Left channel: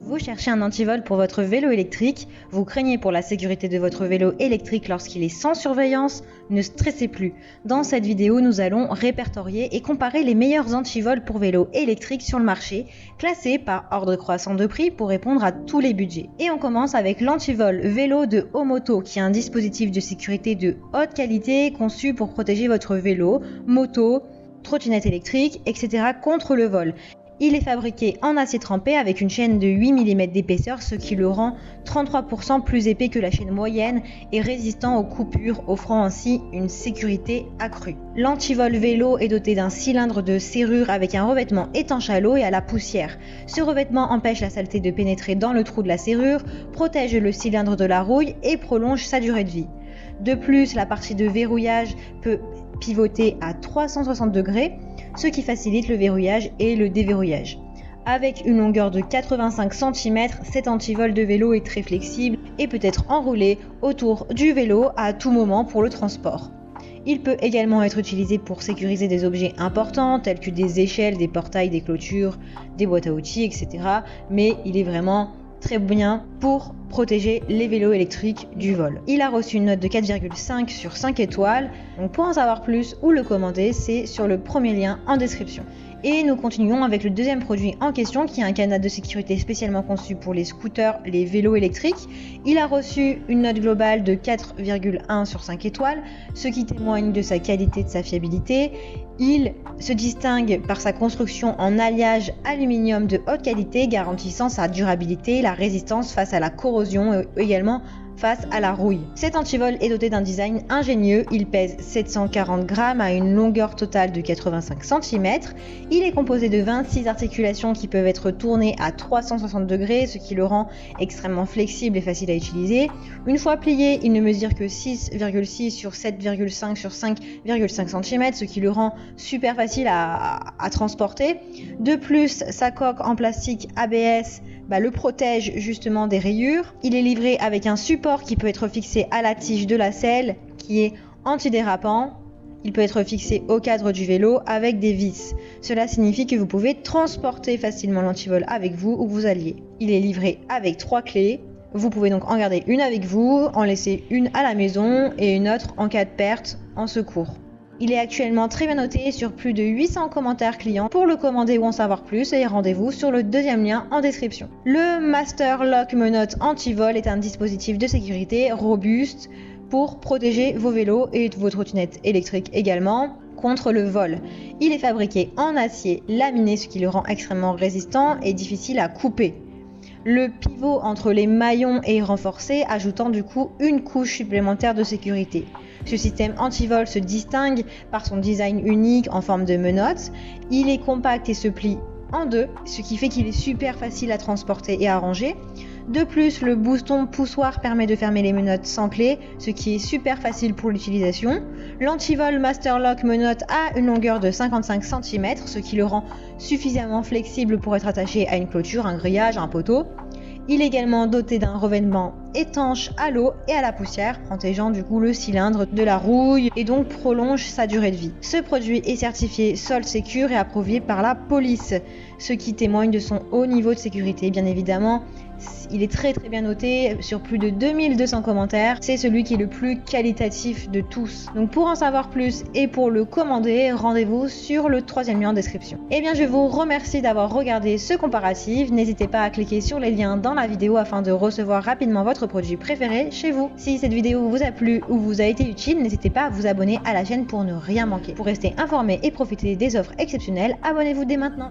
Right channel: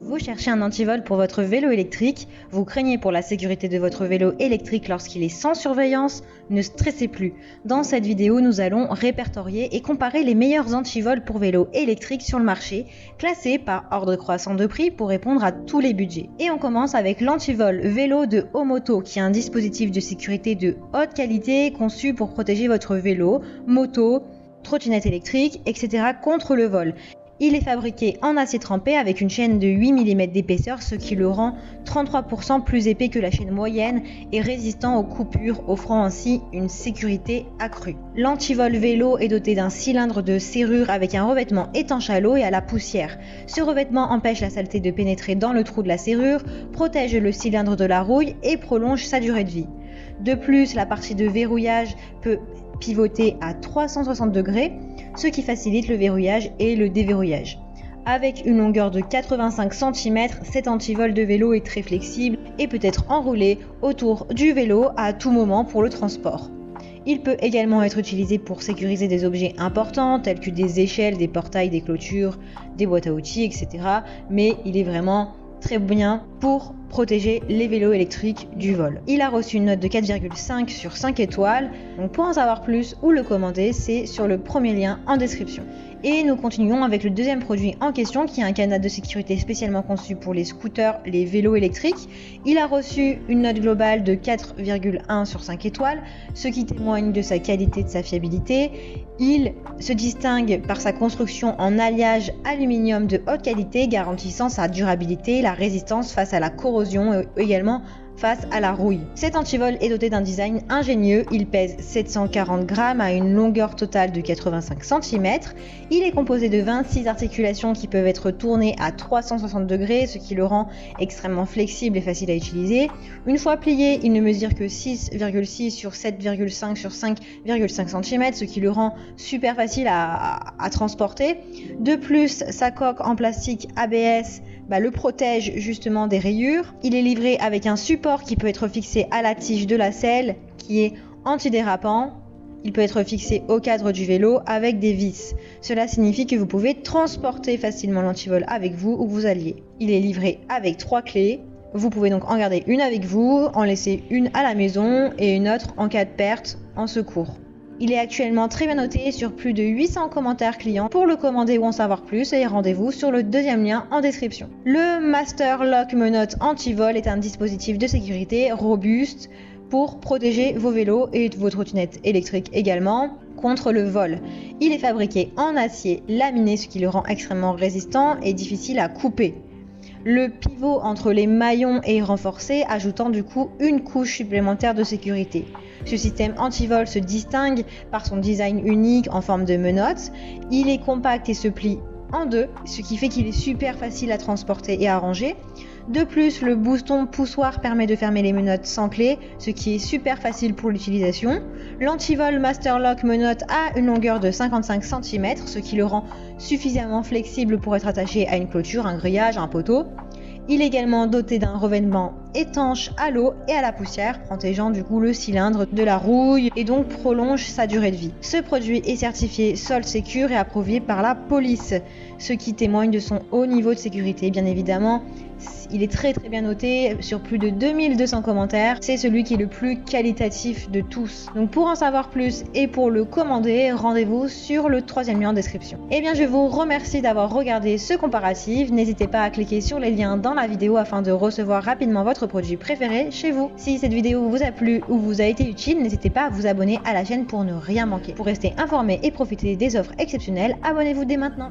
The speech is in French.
Vous cherchez un antivol pour votre vélo électrique, vous craignez pour la sécurité de votre vélo électrique lorsqu'il est sans surveillance, ne stressez plus. Dans cette vidéo, nous allons répertorier et comparer les meilleurs antivols pour vélo électrique sur le marché, classés par ordre croissant de prix pour répondre à tous les budgets. Et on commence avec l'antivol vélo de Omoto, qui est un dispositif de sécurité de haute qualité conçu pour protéger votre vélo, moto, trottinette électrique, etc. contre le vol. Il est fabriqué en acier trempé avec une chaîne de 8 mm d'épaisseur, ce qui le rend 33% plus épais que la chaîne moyenne et résistant aux coupures, offrant ainsi une sécurité accrue. L'antivol vélo est doté d'un cylindre de serrure avec un revêtement étanche à l'eau et à la poussière. Ce revêtement empêche la saleté de pénétrer dans le trou de la serrure, protège le cylindre de la rouille et prolonge sa durée de vie. De plus, la partie de verrouillage peut pivoter à 360 degrés, ce qui facilite le verrouillage et le déverrouillage. Avec une longueur de 85 cm, cet antivol de vélo est très flexible et peut être enroulé autour du vélo à tout moment pour le transport. Il peut également être utilisé pour sécuriser des objets importants tels que des échelles, des portails, des clôtures, des boîtes à outils, etc. Mais il est vraiment très bien pour protéger les vélos électriques du vol. Il a reçu une note de 4,5 sur 5 étoiles. Donc pour en savoir plus ou le commander, c'est sur le premier lien en description. Et nous continuons avec le deuxième produit en question qui est un canard de sécurité spécialement conçu pour les scooters, les vélos électriques. Il a reçu une note globale de 4,1 sur 5 étoiles, ce qui témoigne de sa qualité et de sa fiabilité. Il se distingue par sa construction en alliage aluminium de haute qualité garantissant sa durabilité, la résistance face à la corrosion et également face à la rouille. Cet antivol est doté d'un design ingénieux, il pèse 740 grammes à une longueur totale de 85 cm. Il est composé de 26 articulations qui peuvent être tournées à 360 degrés, ce qui le rend extrêmement flexible et facile à utiliser. Une fois plié, il ne mesure que 6,6 sur 7,5 sur 5,5 cm, ce qui le rend super facile à transporter. De plus, sa coque en plastique ABS le protège justement des rayures. Il est livré avec un support qui peut être fixé à la tige de la selle qui est antidérapant. Il peut être fixé au cadre du vélo avec des vis. Cela signifie que vous pouvez transporter facilement l'antivol avec vous où vous alliez. Il est livré avec 3 clés. Vous pouvez donc en garder une avec vous, en laisser une à la maison et une autre en cas de perte en secours. Il est actuellement très bien noté sur plus de 800 commentaires clients. Pour le commander ou en savoir plus, et rendez-vous sur le deuxième lien en description. Le Master Lock Menottes Antivol est un dispositif de sécurité robuste pour protéger vos vélos et vos trottinettes électriques également contre le vol. Il est fabriqué en acier laminé, ce qui le rend extrêmement résistant et difficile à couper. Le pivot entre les maillons est renforcé, ajoutant du coup une couche supplémentaire de sécurité. Ce système antivol se distingue par son design unique en forme de menottes. Il est compact et se plie en deux, ce qui fait qu'il est super facile à transporter et à ranger. De plus, le bouston poussoir permet de fermer les menottes sans clé, ce qui est super facile pour l'utilisation. L'antivol Master Lock Menottes a une longueur de 55 cm, ce qui le rend suffisamment flexible pour être attaché à une clôture, un grillage, un poteau. Il est également doté d'un revêtement étanche à l'eau et à la poussière, protégeant du coup le cylindre de la rouille et donc prolonge sa durée de vie. Ce produit est certifié Sol Secure et approuvé par la police, ce qui témoigne de son haut niveau de sécurité. Bien évidemment, il est très bien noté sur plus de 2200 commentaires. C'est celui qui est le plus qualitatif de tous. Donc pour en savoir plus et pour le commander, rendez-vous sur le troisième lien en description. Et bien je vous remercie d'avoir regardé ce comparatif. N'hésitez pas à cliquer sur les liens dans la vidéo afin de recevoir rapidement votre produit préféré chez vous. Si cette vidéo vous a plu ou vous a été utile, n'hésitez pas à vous abonner à la chaîne pour ne rien manquer. Pour rester informé et profiter des offres exceptionnelles, abonnez-vous dès maintenant.